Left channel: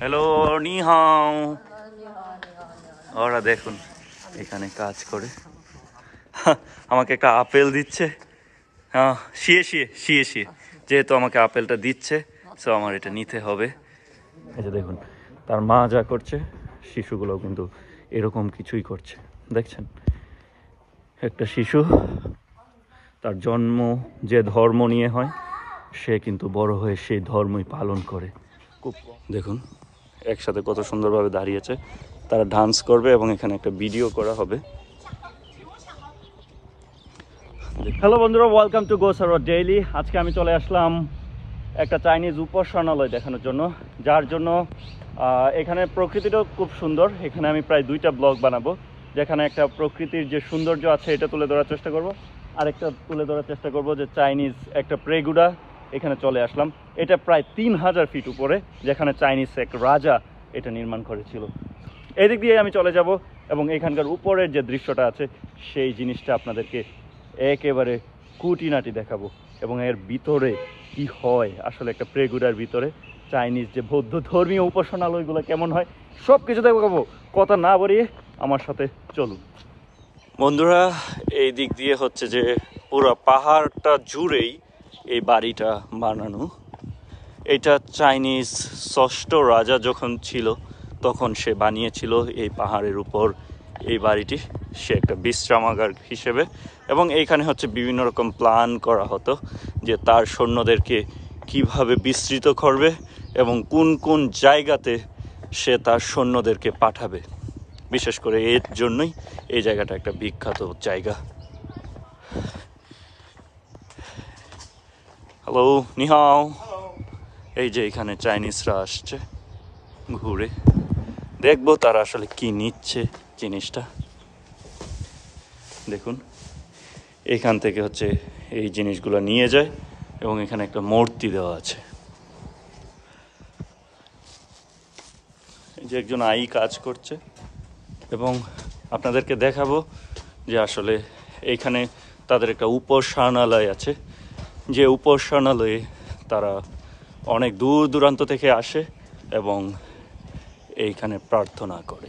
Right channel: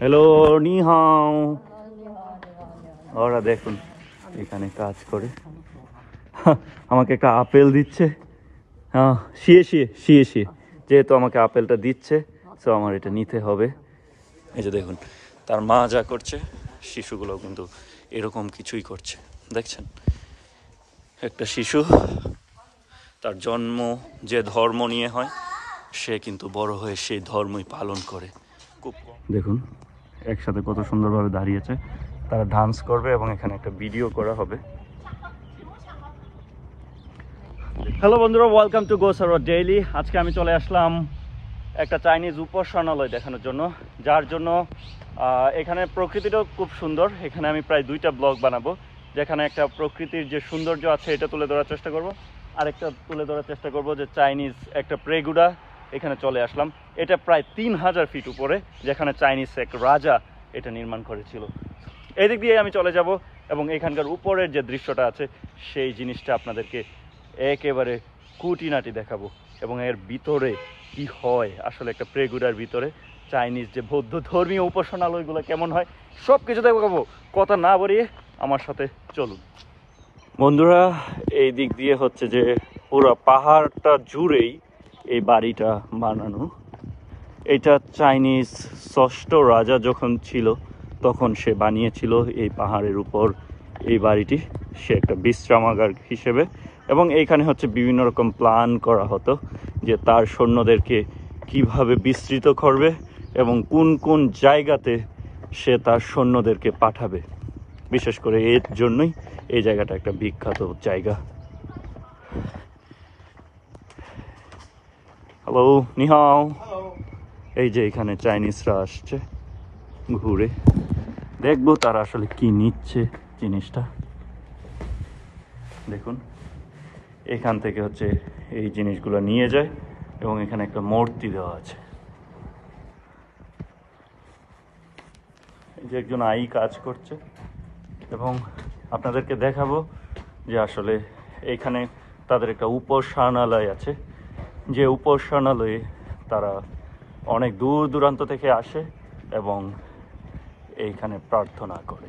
Hello, নি হাও। ওরা দেখুন এখানে কাজ করে, আমাকে একটা আপেল দিচ্ছে। হ্যাঁ, শিয়ে শিয়ে শিয়ে শিয়ে যেহেতু আমাকে আপেলটা দিচ্ছে, সো আমার এটা নিতে হবে। এই যে দেখুন তার মা যা করছে, শিশুগুলো কিন্তু এরকম কিছুই করছে। দেখছেন, একটা শিশু তার জন্ম যে ধর্ম নিয়ে হয়, সে কিন্তু বড় হয়ে সেই ধর্মই পালন করে। খুব দেখুন একসাথে কত সুন্দরভাবে দাঁড়িয়েছে, তারা ডান্স করবে এবং এখানে একটা ভিডিও করা হবে। হ্যালো বন্ধুরা, ওয়েলকাম টু গোসারোয়ার ডেইলি। আজকে আমি চলে আসলাম একটা চাইনিজ উপাসনালয় দেখানোর জন্য, যার জন্য এখানে প্রকৃতিটাও খুব সুন্দর। এখানে আমি প্রায় 2টা ব্লগ বানাবো, যেখানে একটা প্রকৃতির যে সৌন্দর্য আছে এটা তুলে ধরার চেষ্টা করব, আরেকটা তুলে ধরার চেষ্টা করব যে চাইনিজ একটা প্রেগুডা এখানে চলে আসলাম। এটা প্রায় 3000 ফিট উপরে, যেখানে চাইনিজ এক রাজা এটা নির্মাণ করেছিল। এদিক দিয়ে আমি চলে যাব এবং এখানকার উপরের যে দৃশ্যটা আছে সেই জিনিসটা আপনাদেরকে একেবারে খুঁটিনাটি দেখাবো, এবং এর ভিতরে কি হয় আসলে একটা প্রেগুডার ভিতরে চাইনিজ যে বৌদ্ধ ধর্মীয় উপাসনালয়গুলো কেমন হয় সব কিছু দেখাবো। কথা না বাড়িয়ে আমার সাথে চলুন বন্ধুরা। এই দিক দিয়ে হচ্ছে যে পুরো পাহাড়টা জুড়েই এই বাড়িটা বানানো। এটা চাইনিজ ষষ্ঠ রাজা যখন ছিল তখন সে বানিয়েছিল এই পাহাড়ের উপর এই বাড়িটি। সে একটা বিশ্রামাগার হিসেবে, এবং এইখানে হচ্ছে বিভিন্ন রকম প্ল্যান করা হতো যে তার সৈন্যদেরকে কিভাবে বিস্তৃত করবে এবং কোন কোন জায়গাতে সে তার সৈন্যদেরকে পাঠাবে। বিশেষ করে এর জন্যই এই জায়গাটা একটা বিখ্যাত জায়গা। হ্যালো, নিহাও। এই যে এখানে চাইনিজরা আসছে ঘুরে, দেখবো তারা আসলে কি নিচ্ছে জিনিসটা। দেখুন এখান থেকে হচ্ছে এই জিনিসগুলো নিয়ে যায় এবং এখানে একটা মূর্তি দেওয়া আছে। এই যে একজন আই কাজ করছে, এবং আপনাদেরকে দেখাবো যে আসলে এইখানে তাদের একটা উপাসনালয় আছে, যে উপাসনালয়ে তারা অনেক দূর দূরান্ত থেকে আসে এবং এইখানে প্রার্থনা করে।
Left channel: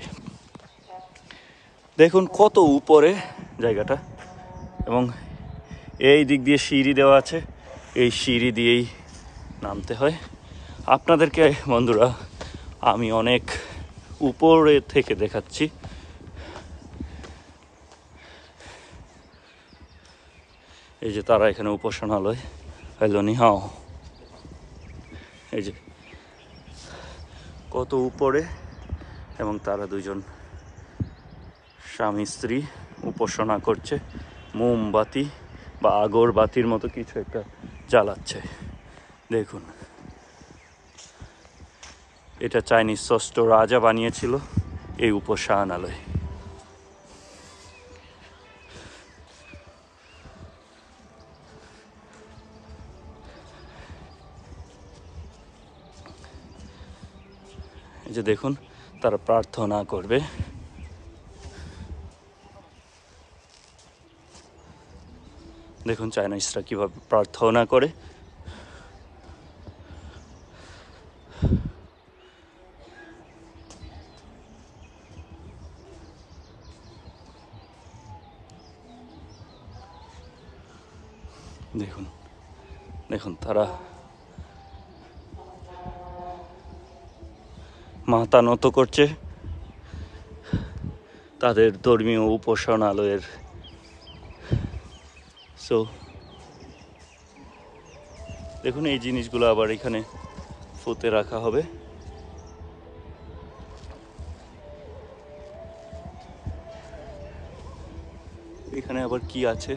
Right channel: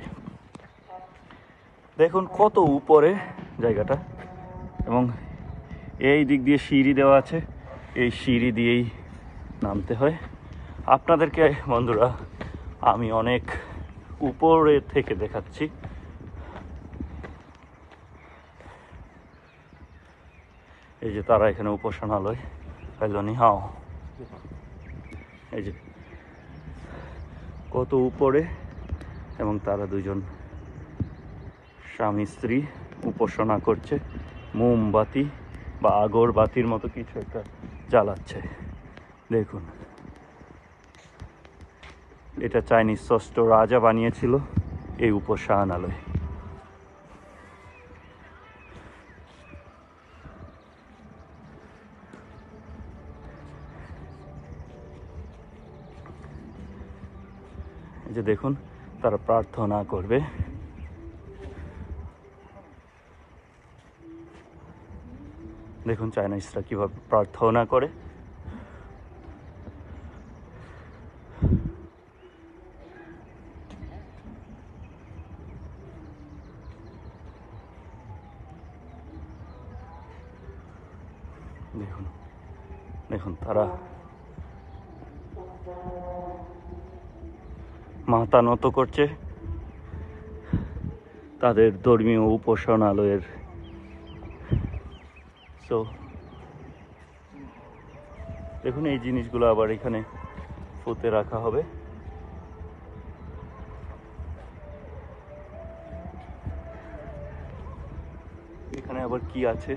দেখুন কত উপরে জায়গাটা, এবং এই দিক দিয়ে সিঁড়ি দেওয়া আছে, এই সিঁড়ি দিয়েই নামতে হয়। আপনাদেরকে বন্ধুরা আমি অনেক উপরে থেকে দেখাচ্ছি। এই যে তারা এখানে উপাসনালয়। হ্যালো, নিহাও। এই যে কত উপরে, এবং তারা দুজন স্বামী স্ত্রী উপাসনা করছে, মোমবাতি বা আগরবাতির মতো কিছু একটা জ্বালাচ্ছে। দেখুন এটা চাইনিজ ষষ্ঠ রাজা বানিয়েছিল এই উপাসনালয়। এই যে দেখুন তারা প্রার্থনা করবে। দেখুন চাইনিজরা কিভাবে প্রার্থনা করে। দেখুন দেখুন তারা মাথা নত করছে তাদের ধর্মীয় উপাসনালয়ের। সো দেখুন এই জিনিসগুলো আবার এখানে ফুতে রাখা হবে। এখানে আবার কি আছে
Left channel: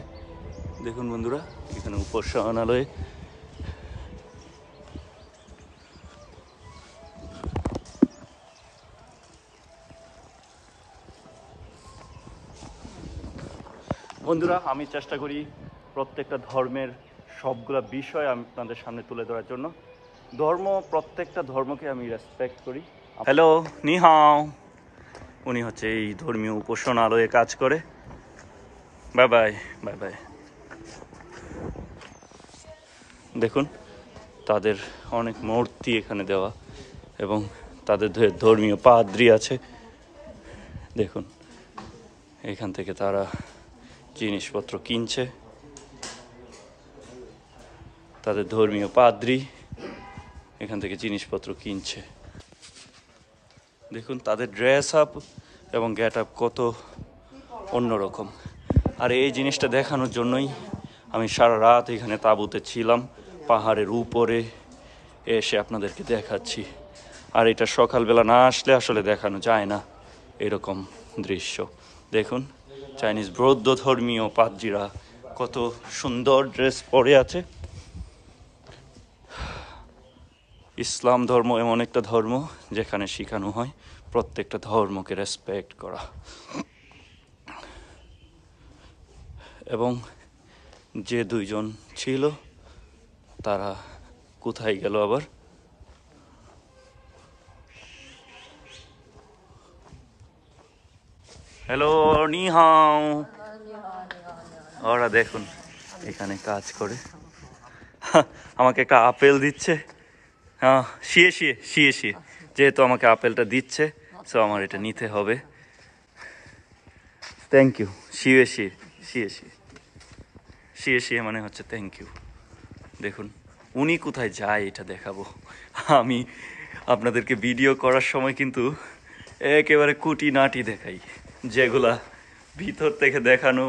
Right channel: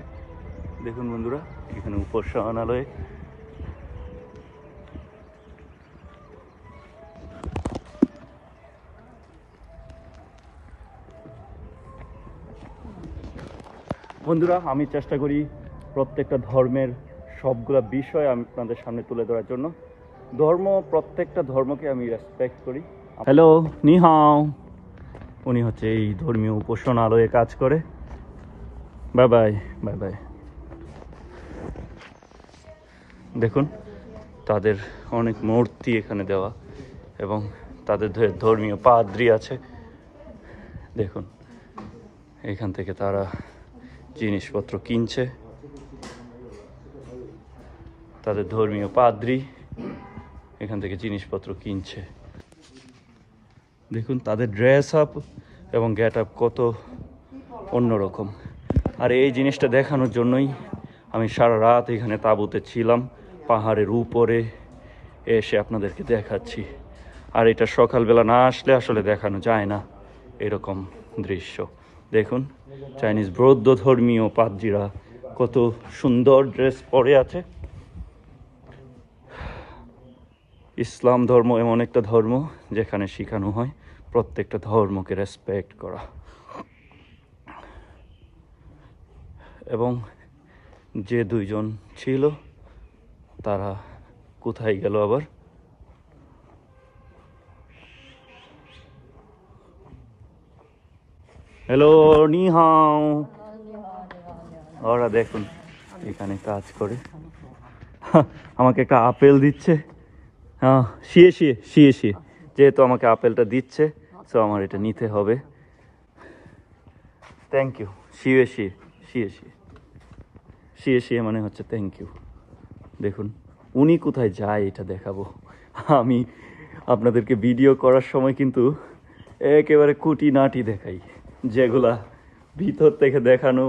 দেখুন বন্ধুরা, এখানে উপাসনালয়ে বন্ধুরা আমি চেষ্টা করি প্রত্যেকটা ধর্মের সবগুলা বিষয় আমি আপনাদের সামনে তুলে ধরার জন্য। প্রত্যেকটা ধর্মকে আমি রেসপেক্ট করি। হ্যালো, নিহাও। উনি হচ্ছে এই ধর্মীয় উপাসনালয়ে কাজ করে। Bye bye, bye bye. দেখুন তাদের অনেক মূর্তি এখানে দেওয়া, এবং তাদের ধর্মীয় পাদ্রী আছে। দেখুন এখান থেকে তারা জিনিসপত্র কিনছে, তাদের ধর্মীয় পাদ্রী এখান থেকে জিনিসপত্র কিনছে। দেখুন তাদের ড্রেস আপ এবং গেট আপ কত অন্যরকম। আর এই জিনিসটা দেখানোর জন্যই আমি সারা রাত এখানে তাঁবুতে ছিলাম, পাহাড়ের উপরে এসে আপনাদেরকে দেখাচ্ছি। আর এটা সকালবেলা না আসলে আসলে দেখানো যায় না এরকম দৃশ্য। দেখুন চাইনিজ বৌদ্ধ ধর্মীয় পাদ্রীরা কত সুন্দর ড্রেস পরে আছে। ইসলাম ধর্ম এমন একটা ধর্ম যেখানে শেখানো হয় প্রত্যেকটা ধর্মকে রেসপেক্ট করা। এবং যে দুইজন ছিল তারা কোথায় গেল আবার? হ্যালো, নি হাও। ওরা দেখুন এখানে কাজ করে, আমাকে একটা আপেল দিচ্ছে। হ্যাঁ, শিয়ে শিয়ে শিয়ে শিয়ে, যেহেতু আমাকে আপেলটা দিচ্ছে সো আমার এটা নিতে হবে। Thank you. শিয়ে শিয়ে শিয়ে শিয়ে শিয়ে শিয়ে মানে হচ্ছে থ্যাংক ইউ। দেখুন উনি কোথায় যায় এটা দেখাবো। আমি আপনাদেরকে ভিডিও করার সময় কিন্তু একেবারে খুঁটিনাটি দেখাই, যেগুলা ভিতর থেকে দেখানো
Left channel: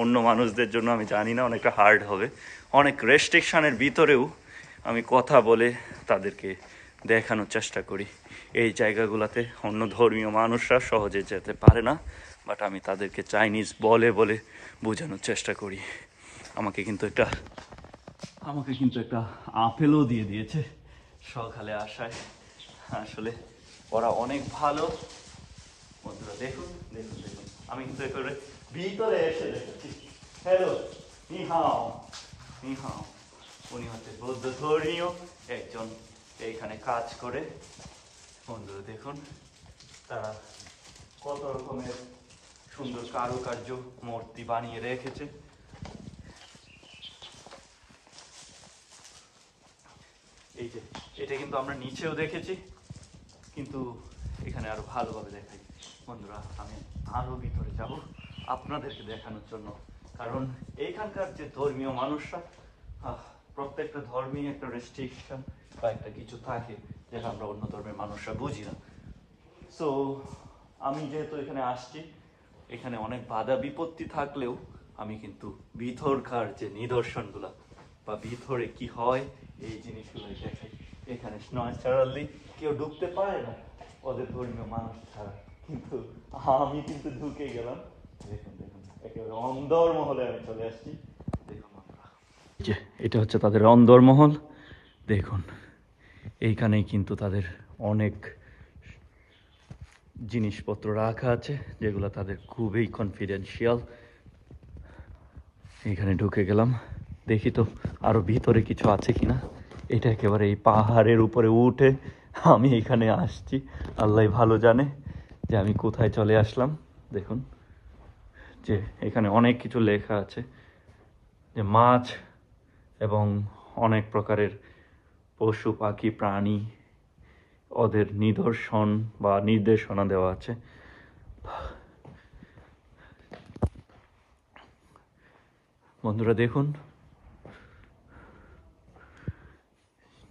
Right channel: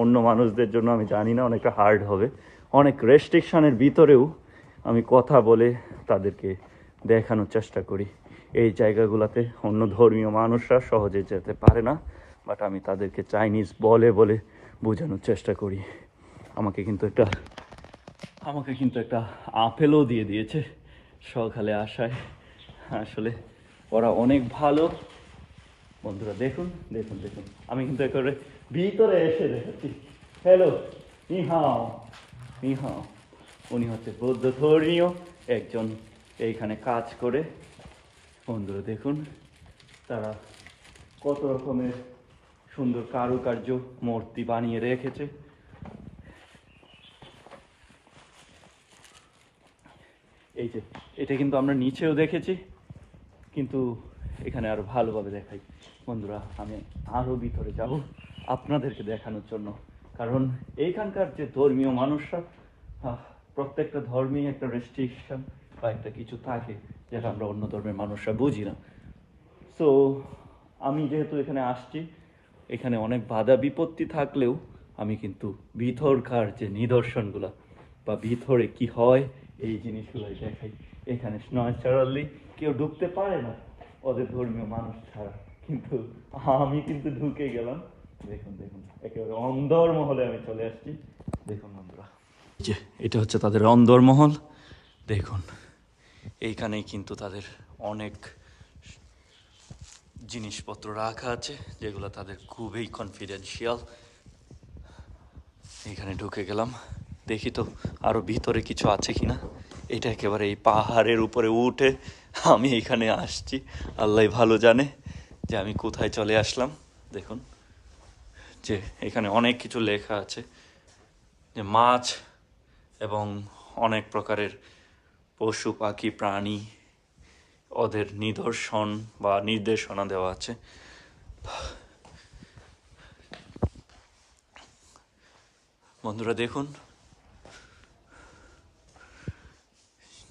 অন্য মানুষদের জন্য আমি জানি না অনেকটা হার্ড হবে। অনেক রেস্ট্রিকশানের ভিতরেও আমি কথা বলে তাদেরকে দেখানোর চেষ্টা করি। এই জায়গাগুলোতে অন্য ধর্মীয় মানুষরা সহজে যেতে পারে না, বাট আমি তাদেরকে চাইনিজ বলে বলে বোঝানোর চেষ্টা করি। আমাকে কিন্তু একটা আপেলও দিয়ে দিয়েছে সকালে আসায়। আসলে ওরা অনেক ভালো বন্ধুরা। দেখুন দেখুন দেখুন, আমি কিন্তু একেবারে ভিতরে এসে দেখেছি। হ্যালো, নি হাও, নি হাও। উনি হচ্ছে বৌদ্ধ ধর্মীয় একজন, এইখানে কাজ করে। বন্ধুরা দেখুন তারা কত রকমের সুন্দর কারুকার্য মূর্তি বানিয়ে রেখেছে। এই যে এটা কিন্তু আমরা নিচেও দেখেছি, কিন্তু এখানে আরো ভালোভাবে দেখাই। বন্ধুরা আমি আরো ভিতরে যাব আপনাদেরকে দেখানোর জন্য, কারণ এইখানকার যে ধর্মীয় মানুষরা, প্রত্যেকটা ধর্মেই একটা রেস্ট্রিকশন বা একটা কিছু থাকে যেটা আমরা অন্য ধর্মের মানুষরা বুঝি না। সো আমি যেহেতু এখানে আসছি, এখানে অনেক বাধা বিপত্তি থাকলেও আমি কিন্তু ভিতরকার যে নিদর্শনগুলা বা ভিতরে কি হয় এই জিনিসগুলোই দেখাই। এখানে ন্যাচারালি কেউ ঢুকতে পারে না ওদের ধর্মীয় মানুষ ছাড়া, কিন্তু আমি কিন্তু ঢুকে গেলাম। দেখুন দেখুন একেবারে অন্দরমহলে আমি চলে আসছি। দেখুন বন্ধুরা, যে এটা হচ্ছে তাদের অন্দরমহল। দেখুন এইখানেই কিন্তু তাদের অনেক জিনিসপত্র রাখা আছে যেগুলো তাদের খুবই কনফিডেন্সিয়াল। এখানে ঢুকে গেলাম, দেখি তো আরো ভিতরে কিছু আছে কিনা। এটা একেবারে এই পাহাড়ের উপরে উঠে আমি এখানে আসছি, আল্লাহ ভালো জানে যে আমি কোথায় চলে আসলাম। দেখুন যে এখানে অনেক কিছু লেখা আছে, যে মাছ এবং অনেক প্রকারের পশু পাখি প্রাণী ওদের নিদর্শন বা নির্দেশনা দেওয়া আছে। বন্ধুরা দেখুন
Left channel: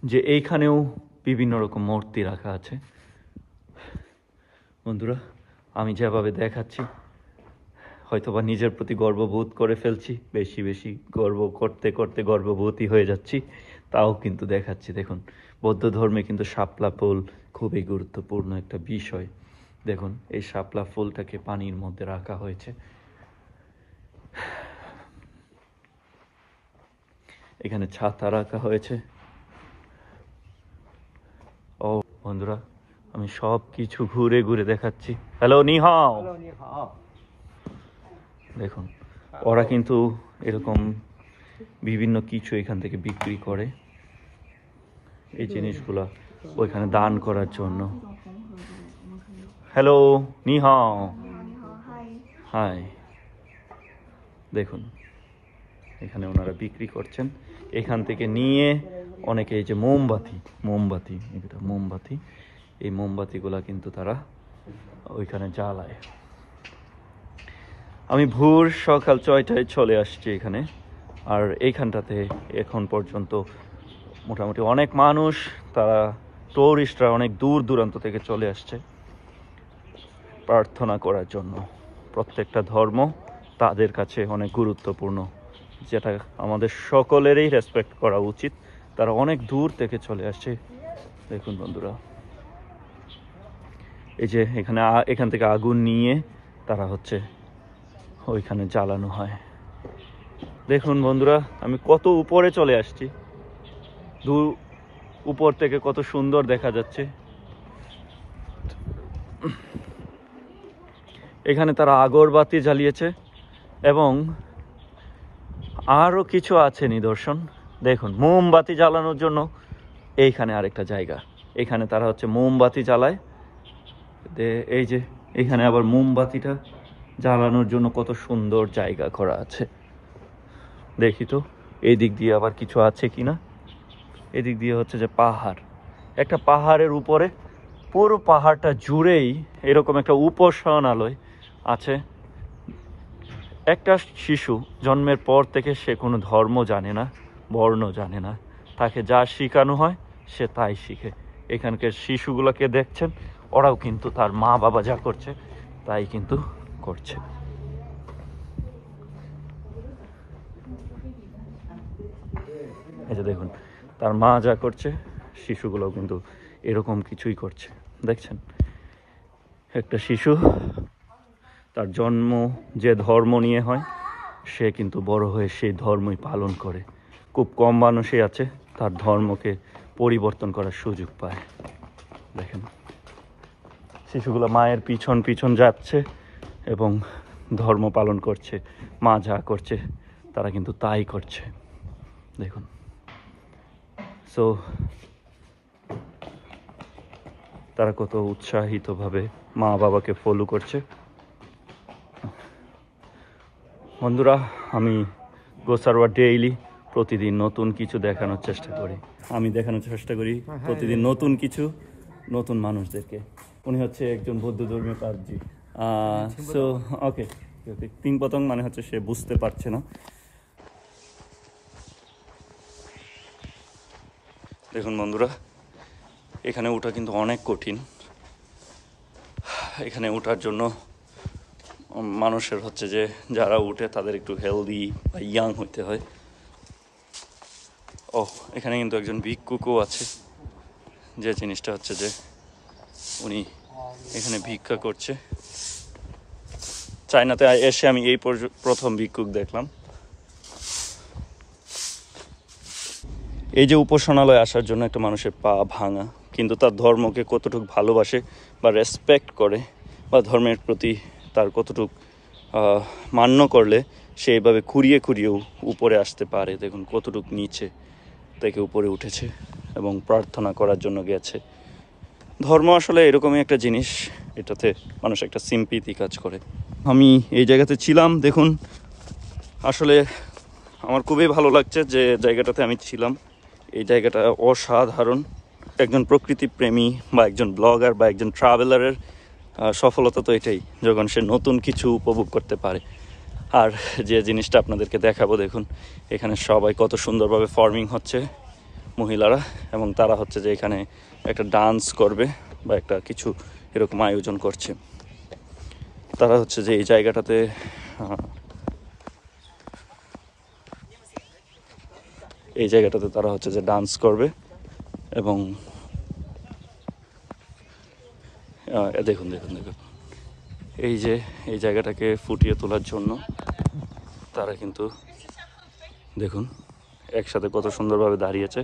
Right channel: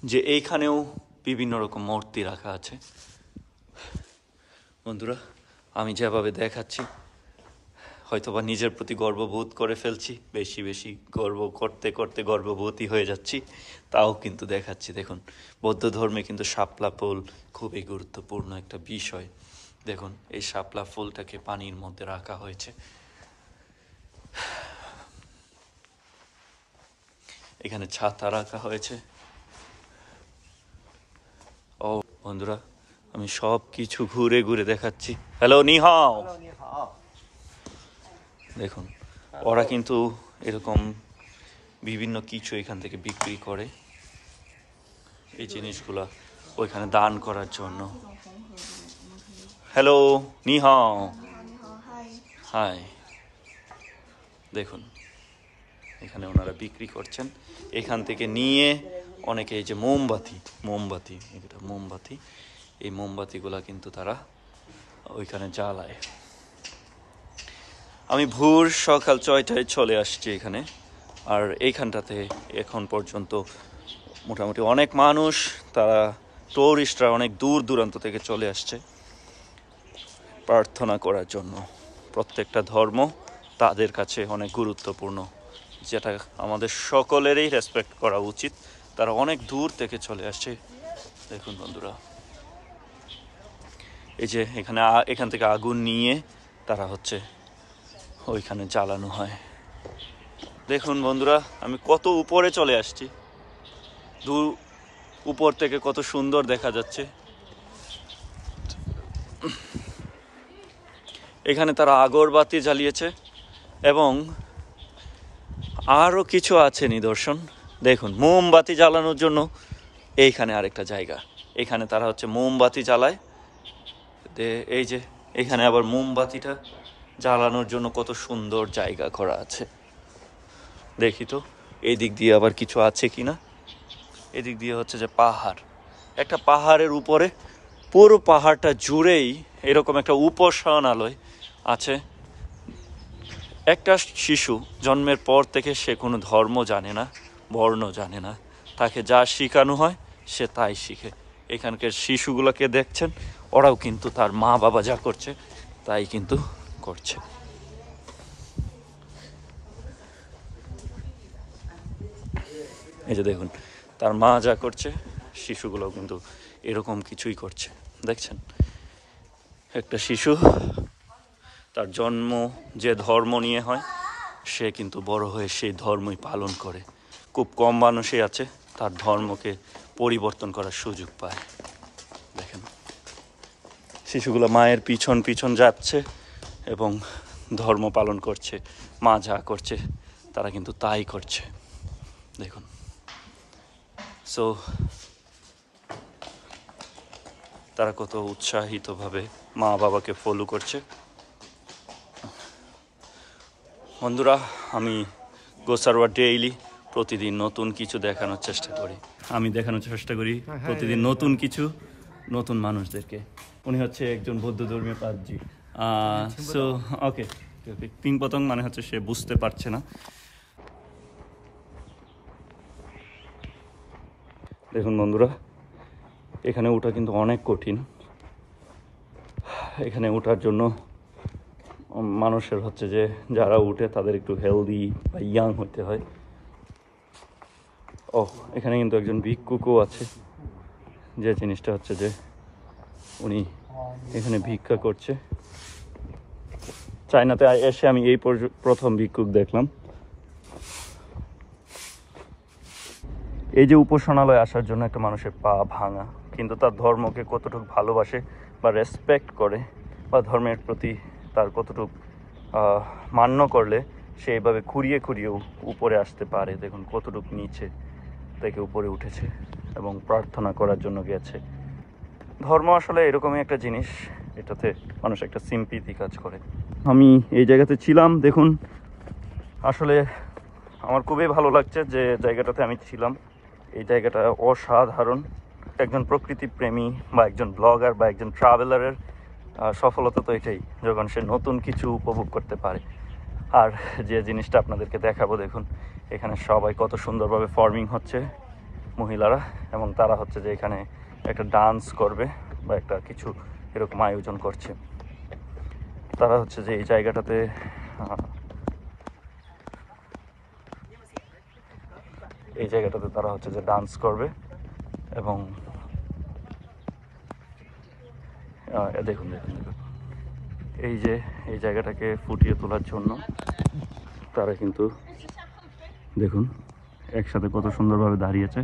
যে এইখানেও বিভিন্ন রকম মূর্তি রাখা আছে। বন্ধুরা আমি যেভাবে দেখাচ্ছি হয়তোবা নিজের প্রতি গর্ববোধ করে ফেলছি, বেশি বেশি গর্ব করতে করতে গর্ববোধই হয়ে যাচ্ছি, তাও কিন্তু দেখাচ্ছি। দেখুন বৌদ্ধ ধর্মে কিন্তু শাপলা ফুল খুবই গুরুত্বপূর্ণ একটা বিষয়। দেখুন এই শাপলা ফুলটাকে পানির মধ্যে রাখা হয়েছে। এখানে ছাতা রাখা হয়েছে। ও বন্ধুরা আমি সব কিছু ঘুরে ঘুরে দেখাচ্ছি। হ্যালো, নি হাও। দেখুন ওরা কিন্তু এরকম বিভিন্ন কিছু এখান থেকে বিক্রি করে, এই জিনিসগুলা ওইখানে দান করার জন্য। হ্যালো, নি হাও। হাই। দেখুন এখানে ওনারা বিক্রি করছেন। এখান থেকে নিয়ে অনেকে এই যে মোমবাতি, এটা মোমবাতি এই মোমবাতিগুলা কিন্তু তারা ওইখানে জ্বালায়। আমি ভোর সকাল 6টায় চলে আসছি এখানে, আর এইখানটাতে এখন পর্যন্ত মোটামুটি অনেক মানুষ, তারা টুরিস্টরা অনেক দূর দূরান্ত থেকে চলে আসছে প্রার্থনা করার জন্য। প্রত্যেকটা ধর্ম তাদের কাছে অনেক গুরুত্বপূর্ণ, যেটা আমাদের সকলেরই রেসপেক্ট করা উচিত। তারা অনেক দূর থেকে চলে আসছে। দেখুন বন্ধুরা, এই যে এখান থেকে আগুন নিয়ে তারা হচ্ছে ওইখানে জ্বালানো হয়। দেখুন বন্ধুরা, আমি কত উপরে চলে আসছি, দূর উপর থেকে কত সুন্দর দেখা যাচ্ছে। এখানে তারা আগরবাতি জ্বালিয়েছে এবং আরও কিছু আছে নিদর্শন। দেখুন, মোমবাতি জ্বালানোর জন্য এইখানে আরেকটা জায়গা, এখানে তারা হচ্ছে মোমবাতি জ্বালায়। এই যে এখানে আবার মোমবাতিটা জ্বালানোর জন্য কত সুন্দর জায়গা করা আছে। দেখি তো এই দিক দিয়ে আবার কিছু আছে কিনা। এদিক দিয়ে হচ্ছে যে পাহাড়, একটা পাহাড়ের উপরে, পুরো পাহাড়টা জুড়েই এরকম একটা উপাসনালয় আছে। একটা শিশু জন্মের পর থেকে সে কোনো ধর্ম জানে না, বর্ণ জানে না, তাকে যা শেখানো হয় সে তাই শিখে। এখানকার শিশুগুলোকে দেখছেন, ওরাও কিন্তু তার মা বাবা যা করছে তাই কিন্তু করছে। এই যে দেখুন, তার মা যা করছে শিশুগুলোও কিন্তু এরকম কিছুই করছে। দেখছেন, একটা শিশু তার জন্ম যে ধর্ম নিয়ে হয়, সে কিন্তু বড় হয়ে সেই ধর্মই পালন করে। খুব কম মানুষই আছে তার ধর্মকে পরিবর্তন করার সুযোগ পায়। দেখেন, শিশুগুলো মায়ের পিছন পিছন যাচ্ছে এবং ধর্ম পালন করছে। মা যা করছে তারা কিন্তু তাই করছে। দেখুন, সো তারা কত উৎসাহিতভাবে মা বাবাকে ফলো করছে। বন্ধুরা, আমি গোসারওয়া ডেইলি প্রতিদিন নতুন কিছু দেখানোর চেষ্টা করি। প্রতিদিন নতুন কিছু, নতুন মানুষদেরকে। উনি হচ্ছে একজন বৌদ্ধ ধর্মীয় পাদ্রী। সো ওকে, পিং পতং মানে হচ্ছে সে বুঝতে পারছে না। দেখুন বন্ধুরা, এখানে ওঠা কিন্তু অনেক কঠিন। এখানে ওঠার জন্য মানুষের হচ্ছে যে যারা উঠে তাদের একটু হেলদি বা ইয়াং হতে হয়। এখানে কিন্তু একজন ভিক্ষুকও আছে, যে জিনিসটা হচ্ছে যে উনি এখানে ভিক্ষা করছে। চায়নাতে এসে আমি এই প্রথম ভিক্ষুক দেখলাম। এই যে উপাসনালয়ে আসার জন্য একটা মানুষের পা ভাঙা, কিন্তু তার ধর্মকে কতটুকু ভালোবাসে বা রেসপেক্ট করে, বা ধর্মের প্রতি তার কতটুকু মান্য করলে সে এইভাবে খুঁড়িয়ে খুঁড়িয়েও উপরে আসতে পারে। দেখুন কতটুকু নিচে থেকে উপরে উঠেছে এবং প্রার্থনা করার জন্য গেছে। ধর্ম আসলে এরকমই একটা জিনিস, এটাতে মানুষ একটা সিম্পিতি কাজ করে। আমি এই জায়গাতে ছিলাম, দেখুন আসলে আমার খুবই ভালো লাগছে যে জায়গাটাতে আমি ছিলাম। এই জায়গাটা অসাধারণ। একজন প্রকৃতি প্রেমী বা একজন ব্লগার বা একজন ট্রাভেলারের সফলতা তো এটাই, যখন সে নতুন কিছু উপভোগ করতে পারে। আর যে জিনিসটা আপনাদেরকে দেখাবো, দেখুন এখানে সবাই কত সুন্দরভাবে ফার্মিং হচ্ছে মহিলারা, এবং তারা হচ্ছে যে এখানে একটা ডান্স করবে বা একটা কিছু এরকম আয়োজন করছে। তারা হচ্ছে যে এই জায়গাটাতে তারা হচ্ছে যে ডান্স করবে এবং দেখুন দেখুন দেখুন এই জায়গাটাকে ফুটিয়ে তোলার জন্য তারা কিন্তু দেখুন একসাথে কত সুন্দরভাবে দাঁড়িয়েছে।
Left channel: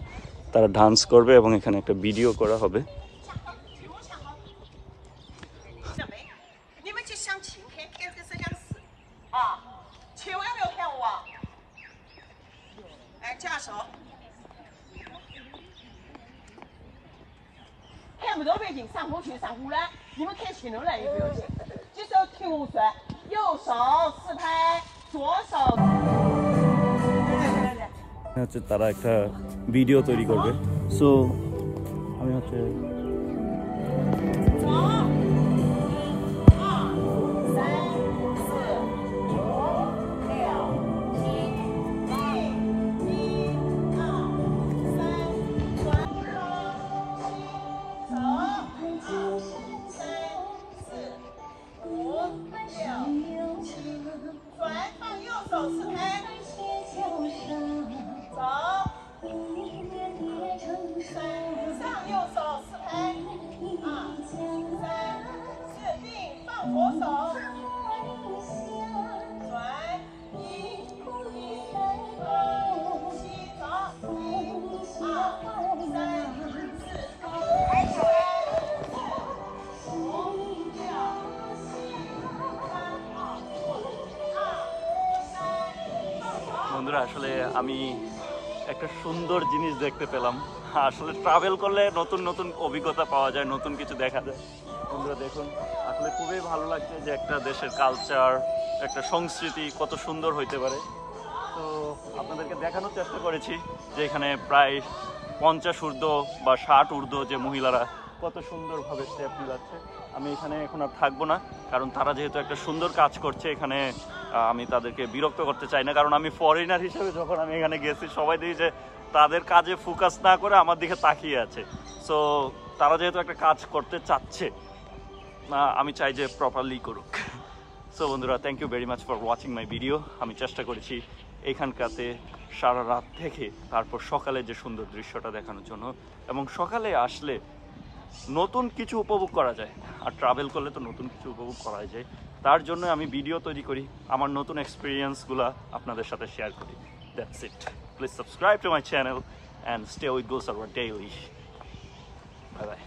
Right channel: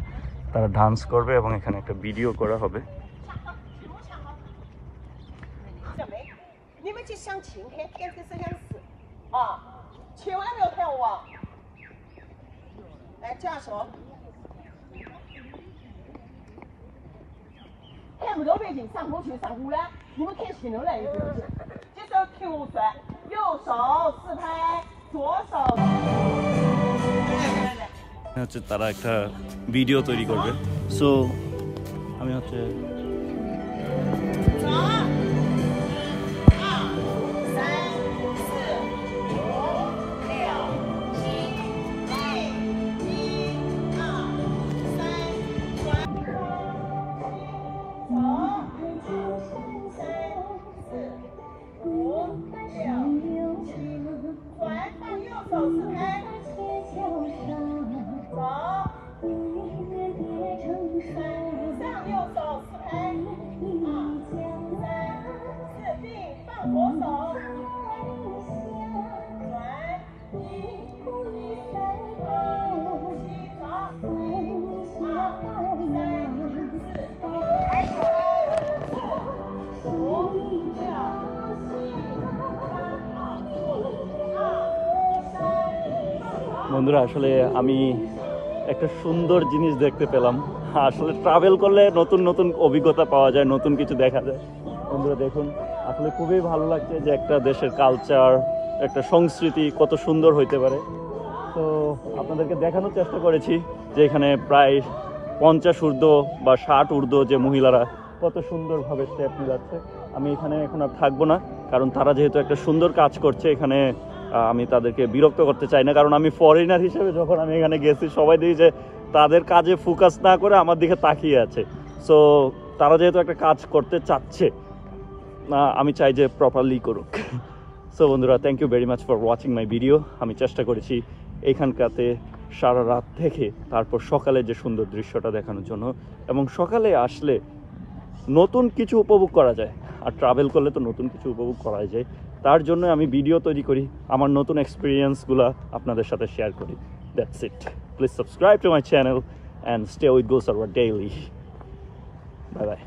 তারা ডান্স করবে এবং এখানে একটা ভিডিও করা হবে।看不到背景，上坡去上湖来，你们看清楚来一个去。这手提无甩，右手四拍，左手。হচ্ছে তারা একটা ভিডিও তৈরি করবে। সো আমি হচ্ছে বন্ধুরা আসলে আমি একটা সুন্দর জিনিস দেখতে পেলাম। আসলে ট্রাভেল করলে নতুন নতুন অভিজ্ঞতা পাওয়া যায়, নতুন কিছু দেখা যায়। বন্ধুরা দেখুন, আসলে খুবই ভালো লাগছে যে একটা দেশের কালচার, একটা সংস্কৃতি কত সুন্দর হইতে পারে। তো আপনাদেরকে দেখানোর চেষ্টা করেছি যে এখানে প্রায় 50 ঊর্ধ্ব বা 60 ঊর্ধ্ব যে মহিলারা কত সুন্দরভাবে স্টেপ নিলাচ্ছে। আমি এখানে এখন আর থাকবো না, কারণ তারা যেহেতু একটা সুন্দর কাজ করছে এখানে, আমি তাদেরকে বিরক্ত করতে চাই না। কারণ আমি ফরেনার হিসেবে যখন আমি এখানে গেছি সবাই দেখি যে তাদের কাজে ফোকাস না করে আমার দিকে তাকিয়ে আছে। সো তারা যেহেতু একটা কাজ করতে চাচ্ছে, আমি চাই যে প্রপারলি করুক। সো বন্ধুরা, thank you very much for watching my video. আমি চেষ্টা করেছি এখানকাতে সারা রাত থেকে তারপর সকালে যে সুন্দর দৃশ্যটা দেখানোর জন্য, এবং সকালে আসলে নতুন কিছু উপভোগ করা যায়, আর ট্রাভেল করলে তো নতুন কিছু উপভোগ করা যায়। তার জন্য আমি ভিডিও তৈরি করি, আমার নতুন এক্সপিরিয়েন্সগুলো আপনাদের সাথে শেয়ার করি। That's it. Please subscribe to my channel and stay with go Sarwar daily. Bye bye.